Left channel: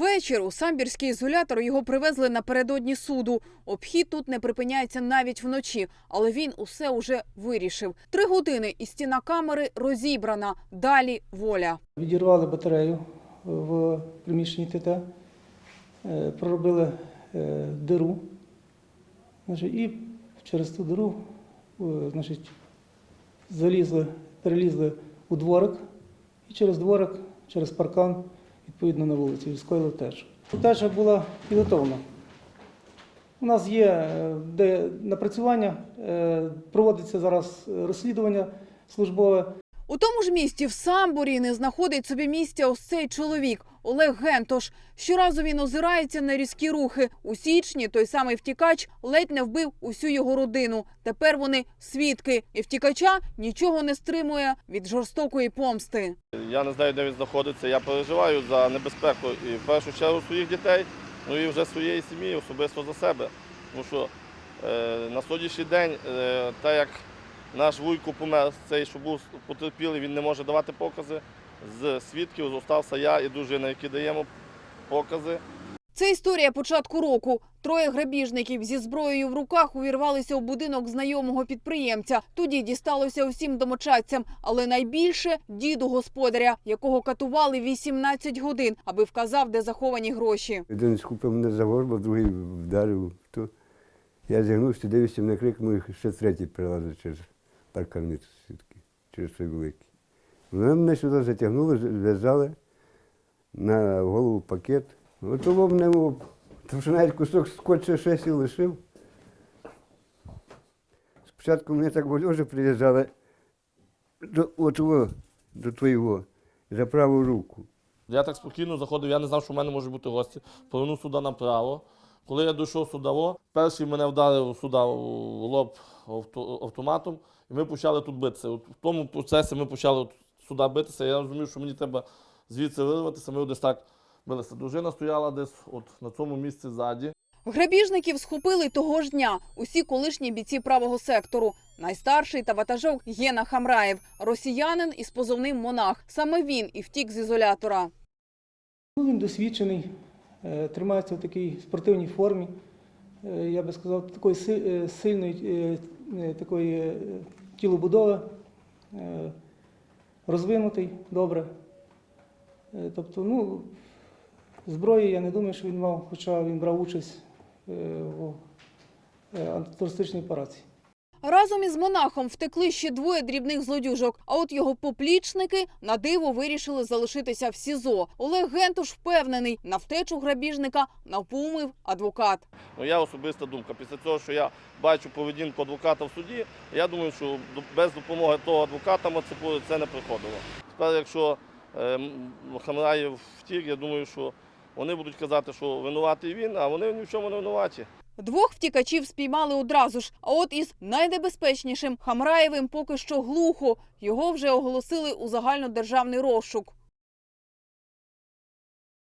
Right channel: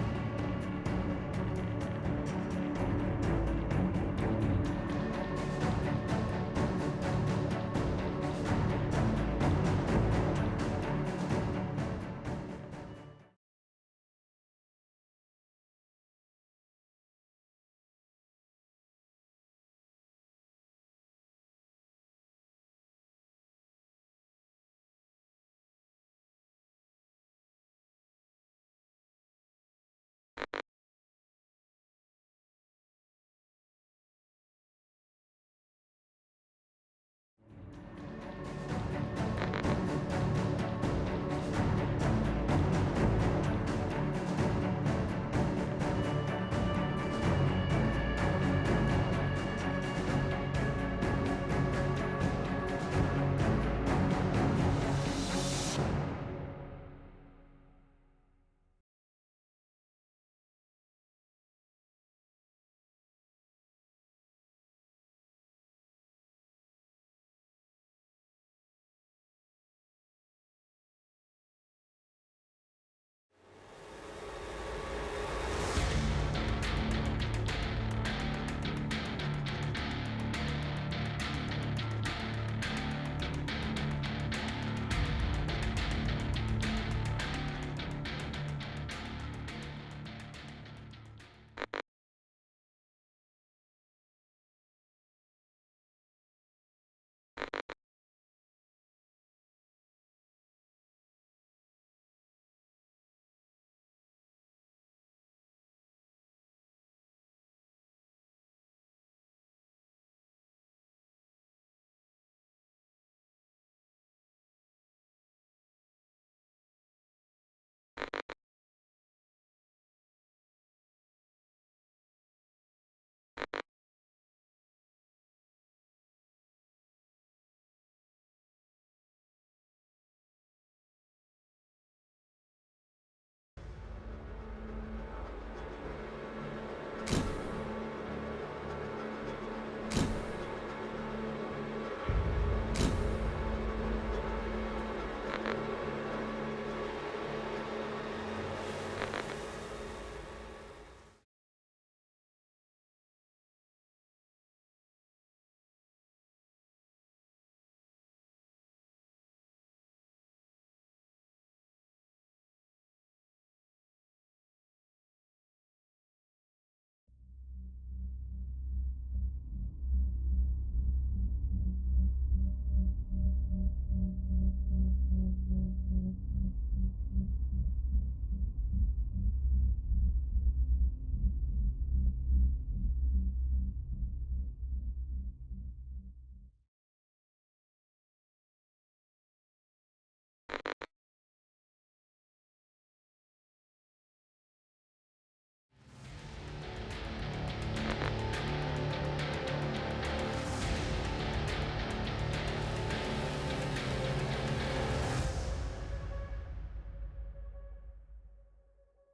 Вечір у самбірський ізолятор його привезли напередодні суду. Обхід тут не припиняється навіть вночі, але він усе уже вирішив. Три години і стіна камери розібрана. Далі воля. Відірвали батарею в приміщенні ТТ, е, проробили е, диру. І через ту диру е, залізли, перелізли у дворик і через дворик, через паркан, відповідно на вулиці, і скоїли теж. Теж була підготовлена. У нас є е, де напрацювання, е, проводиться зараз е, розслідування службове. У тому ж місті в Самбурі не знаходить собі місця ось цей чоловік Олег Гентош. Щоразу він озирається на різкі рухи. У січні той самий втікач ледь не вбив усю його родину. Тепер вони свідки, і втікача нічого не стримує від жорстокої помсти. Я не знаю, де він знаходиться. Я переживаю за небезпеку і в першу чергу своїх дітей, ну і вже своєї сім'ї, особисто за себе. Тому що е, на сьогоднішній день, е, так як наш вуйко помер, цей, що був потерпілий, він не може давати покази. З свідків зостався я і дружина, які даємо покази. Це історія початку року. Троє грабіжників зі зброєю в руках увірвалися у будинок знайомого підприємця. Тоді дісталося усім домочадцям, але найбільше діду господаря, якого катували 18 годин, аби вказав, де заховані гроші. Один схопив мене за горло, другий вдарив. То я зігнувся, дивився на крик, ну і ще третій прилазив через паркан сітки, через той великий. Вони мене сюди затягнули, зв'язали на голову пакет. От того мене, о, там що навіть кусок скотча шесі лишив. Спочатку мене так вольоже прив'язали до, от, до твоєго, за праву руку. Я так спокійно заходив, я не знав, що в мене можуть бути гості. Повернув сюди направо. Коли я дійшов сюди, перший мене вдарив сюди в лоб автоматом, і ми почали тут битися. В тому процесі ми почали сюди битися. Я розумів, що мені треба звідси вирватися. Ми десь так билися. Дружина стояла десь от на цьому місці ззаді. Грабіжників схопили того ж дня. Усі колишні бійці правого сектору. Найстарший та ватажок Єна Хамраєв, росіянин із позовним монах. Саме він і втік з ізолятора. Він досвідчений, е, тримається в такій спортивній формі. Е, Я би сказав, такої е, сильної такої тілобудови, розвинутий добре. Тобто, ну, зброї я не думаю, що він мав, хоча він брав участь е, в е, антитерористичній операції. Разом із монахом втекли ще двоє дрібних злодюжок. А от його поплічники на диво вирішили залишитися в СІЗО. Олег Гентуш впевнений, на втечу грабіжника навпумив адвокат. Ну, я особиста думка. Після того, що я бачу поведінку адвоката в суді, я думаю, що до- без допомоги того адвоката це не приходило. Тепер, якщо е, Хамраєв втік, я думаю, що вони будуть казати, що винуватий він, а вони ні в чому не винуваті. Двох втікачів спіймали одразу ж. А от із найнебезпечнішим Хамраєвим поки що глухо. Його вже оголосили у загальнодержавний розшук.